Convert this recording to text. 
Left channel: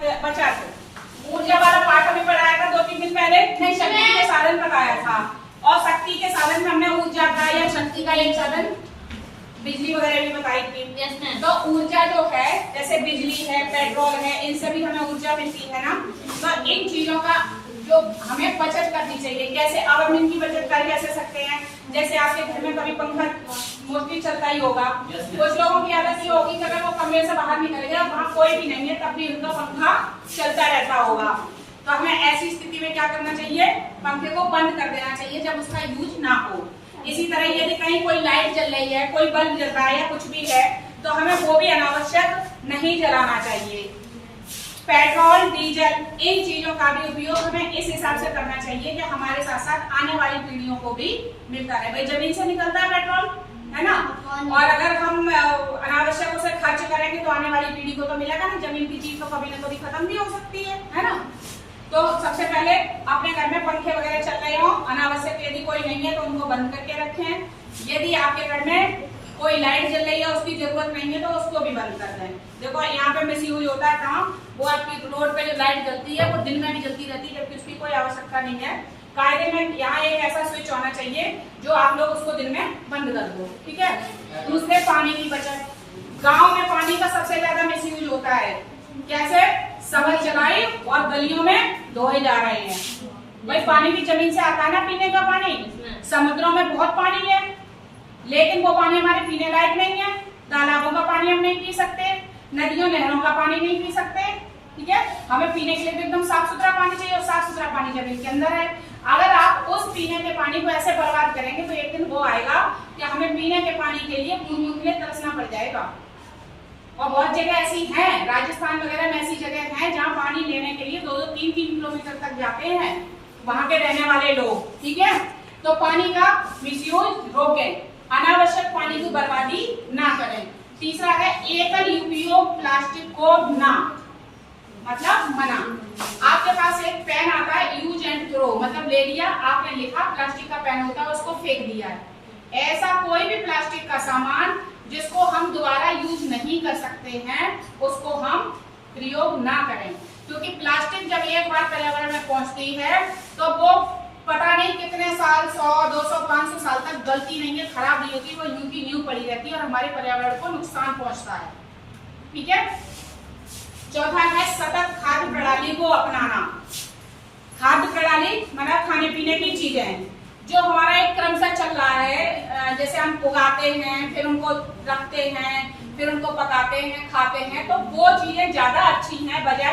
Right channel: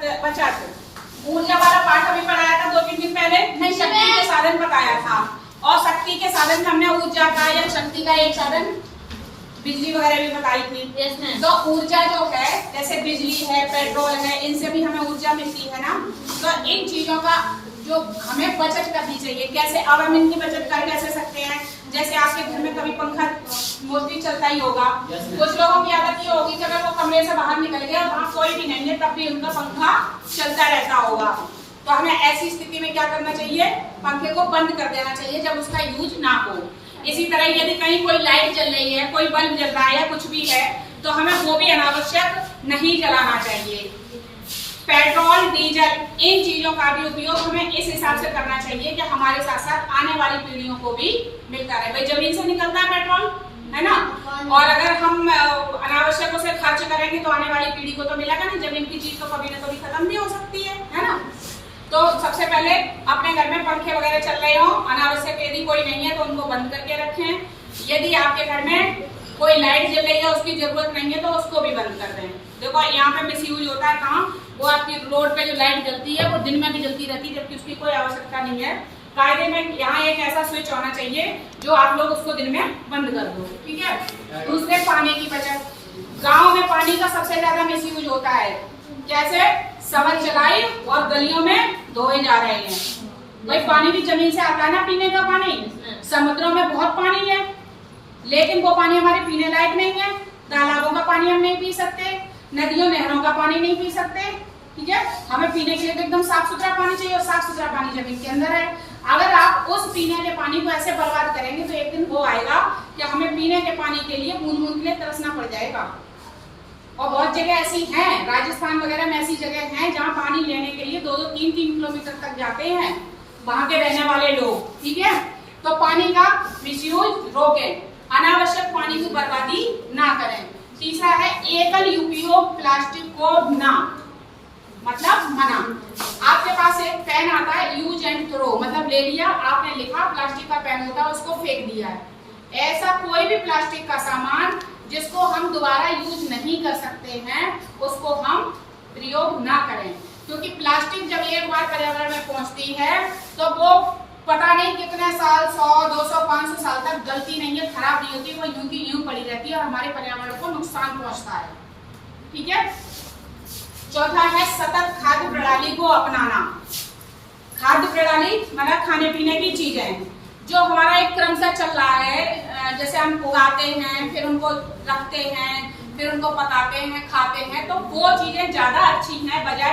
बचत। ऊर्जा वाला पाठ अभी पढ़ाया था 2-3 दिन पहले, नहीं शक्ति के साधन बताया था। और शक्ति के साधन हमने ऊर्जा का या शक्ति का एक साधन बिजली वगैरह भी बताई थी। तो ऊर्जा जो है जैसे बिजली है, पेट्रोल है, इनसे भी हमें ऊर्जा मिलती है ना। तो इन चीजों का जो हमें बचत करनी चाहिए। कैसे? अब हम इनकी बचत कर कैसे सकते हैं? जैसे आपके घर में कभी पंखा मोस्टली चलता ही होगा। कुछ लोगों की आदत ये होगी कि अगर वो कमरे से बाहर निकल गए और वहाँ कोई भी नहीं है तब भी उनका पंखा चलता रहता होगा। तो हमें ऐसी स्थिति में क्या करना चाहिए? पंखे को बंद कर देना चाहिए जब उसका यूज ना हो। इसी तरह यदि कहीं कोई लाइट जल रही है, कोई बल्ब जल रहा है या कुछ भी है, तो हमें वो भी अनावश्यक नहीं जलाना चाहिए। पेट्रोल, डीजल इन चीजों का भी उपयोग हमें इस हिसाब से करना चाहिए कि हमारे साथ साथ आने वाली पीढ़ियों को भी मिलता रहे। भाई जमीन से निकलता है पेट्रोल, है ना, और अगर हम अनावश्यक उसे खर्च करेंगे तो आने वाली पीढ़ी को तो मिलेगा नहीं। जमीन की चीज तो कभी ना कभी खत्म भी हो सकती है ना। तो सबसे पहले अपने घर में पंखे वगैरह चल रहे हो, अनावश्यक यदि कोई नहीं है तो उनको बंद करके रखें। यदि आपके घर में कोई लाइट जल रही है, उसकी जरूरत नहीं है तो उसको भी बंद कर दें। देखो यहाँ पे मिस यूज होता है कहाँ? वो आपकी रोड पे जो लाइट जलती है वो दिन में भी जलती रहती है जबकि उसकी कोई आवश्यकता नहीं है। कायदे में यहाँ एक ऐसा स्विच होना चाहिए जो आप लोग उसको दिन में बंद कर दो, ठीक है। दूसरे, पानी की बचत। गाँव में पानी का सबसे ज्यादा मिस यूज होता है। कैसे? समर चलाई और गलियों में धोए जा रहे हैं। भाई पानी भी जमीन से आता है ना, पीने का पानी। समुद्रों में बहुत पानी है लेकिन वो पानी हमारे पीने लायक नहीं है। तालाबों का पानी हम नहीं पी सकते, नदियों नहरों का पानी नहीं पी सकते, ठीक है। हमें पीने के लिए तो एकदम साफ सुथरा पानी चाहिए और साफ सुथरा पानी जमीन के अंदर है। अगर आप उस पीने के पानी को ऐसे बर्बाद करेंगे तो एक दिन वो आएगा कि हमें पीने के पानी के लिए बूंद बूंद के लिए तरसना पड़ जाएगा। और बहुत जगह ऐसी हैं, राजस्थान वगैरह में ऐसी जगह हैं जहाँ पानी लेने के लिए 2-2, 3-3 किलोमीटर तक जाते हैं वहां के रहने वाले लोग, ठीक है। तो पानी का मिसयूज रोकें, अनावश्यक पानी की बर्बादी ना करें। तीसरा है एकल उपयोग प्लास्टिक को ना, मतलब मना। आपके पास एक पेन आता है यूज एंड थ्रो, मतलब ले लिया आपने, लिखा, प्लास्टिक का पेन होता है उसको फेंक दिया है। ऐसा कोई भी प्लास्टिक का सामान जिसको हम दोबारा यूज नहीं कर सकते हैं उसको हम प्रयोग ना करें, क्योंकि प्लास्टिक जब एक बार पर्यावरण में पहुंचती है तो वो पता नहीं कितने साल, 100, 200, 500 साल तक गलती नहीं है, खराब नहीं होती, वो यूं की यूं पड़ी रहती है और हमारे पर्यावरण को नुकसान पहुंचता है, ठीक है। चौथा है सतत खाद्य प्रणाली को अपनाना। खाद्य प्रणाली मतलब खाने पीने की चीजें जो हमारा एक क्रम से चल रहा है, जैसे हम उगाते हैं, फिर उनको रखते हैं, फिर उनको पकाते हैं, खाते हैं, तो वो चीजें ज्यादा अच्छी हैं बजाय